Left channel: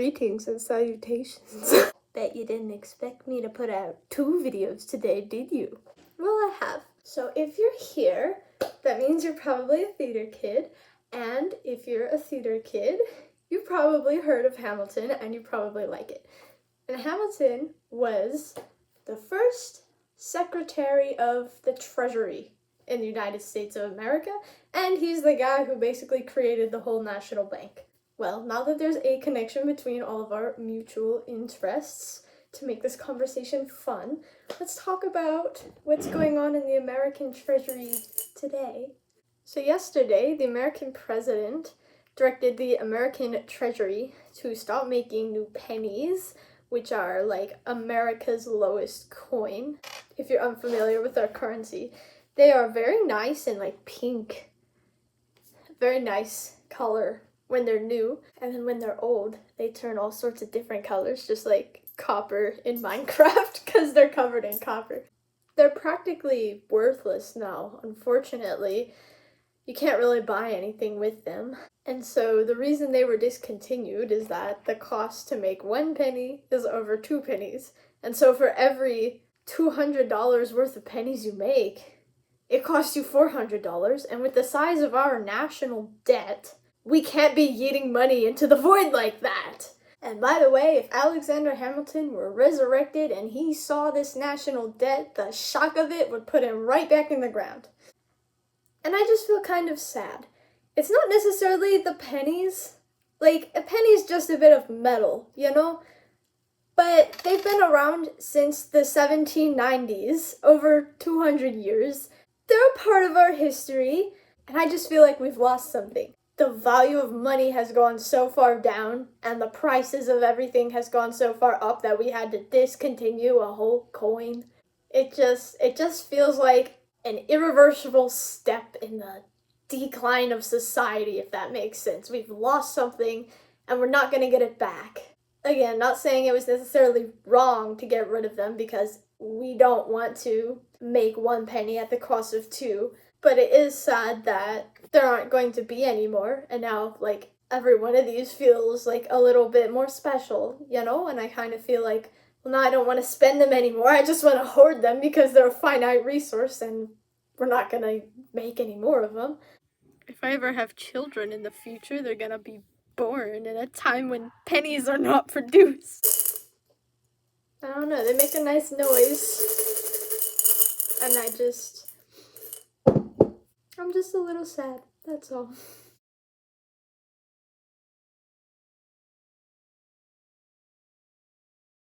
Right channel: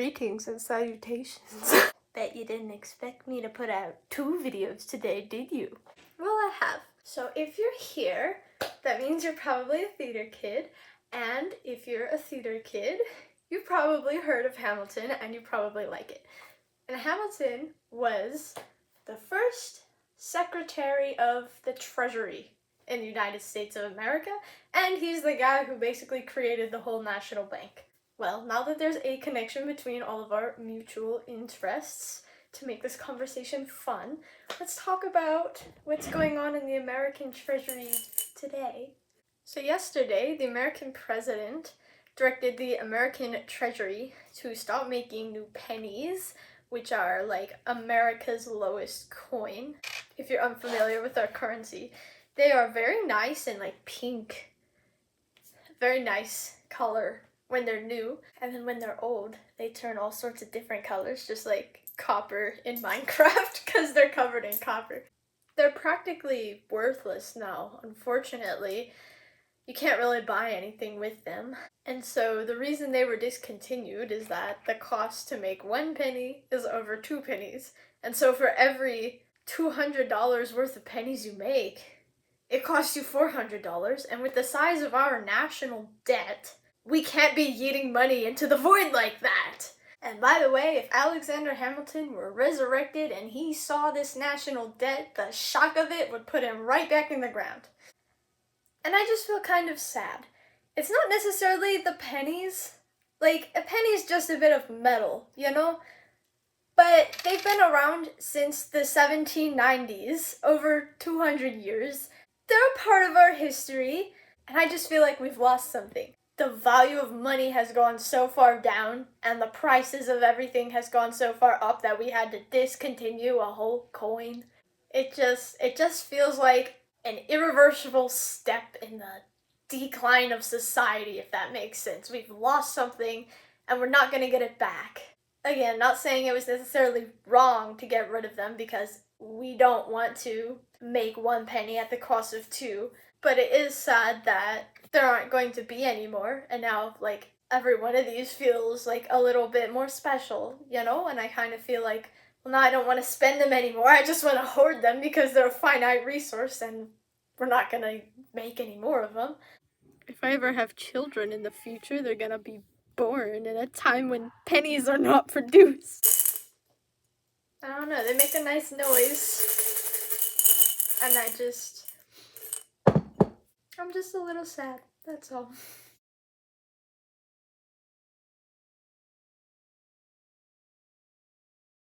Greetings and salutations. Bet you didn't expect me to put out 2 videos today, did you? Well, I have. So if you're here, that means you're probably a theater kid. And if you're a theater kid, you've probably heard of Hamilton and you probably like it. And Hamilton was the first Secretary of the Treasury in the United States of America, and he's the guy who basically created the whole national bank. Well, now that there's a connection between all of our mutual interests, to make this conversation fun, let's talk about what's going on in the American Treasury today. So yesterday, the American president directed the American Treasury to stop making new pennies, which are like America's lowest coin. If you're unfamiliar with our currency, they are very nice and like pink. Very nice color when they're new, and then when they're old, they turn all sorts of different colors, just like copper in Minecraft, because they're covered in copper. They're practically worthless now, unfortunately. You can't really buy anything with them. And so the reason they were discontinued is that the cost to make 1 penny is over 2 pennies. And so for every $200 worth of pennies you make, it costs you $400. And with the size of our national debt, we can't be yeeting money into the void like that. And by the way, if Alexander Hamilton were resurrected and he saw this national debt, the shock of it would put him right back in the ground. And I just feel kind of sad. It's not necessarily the pennies. Like, a penny's just a bit of metal, you know? But they've been around since the 1790s, over 200 years. They're a part of our history, and I just feel like we've lost something. The value of money has gone so far down, and the prices of everything has gone so far up that we had to discontinue a whole coin. It just feels like an irreversible step in the decline of society, if that makes sense. We've lost something, and we're not gonna get it back. Again, not saying it was necessarily wrong to get rid of them, because we don't want to make 1 penny at the cost of 2, but it is sad that there aren't going to be any more, and now, like, every one of these feels like a little bit more special, you know? And I kind of feel like, well, now I don't want to spend them anymore, I just want to hoard them because they're a finite resource and we're not gonna make any more of them. If I ever have children in the future, they're gonna be born in a time when pennies are not produced. I don't know, they make a nice noise. And I'm just a little sad, that's all.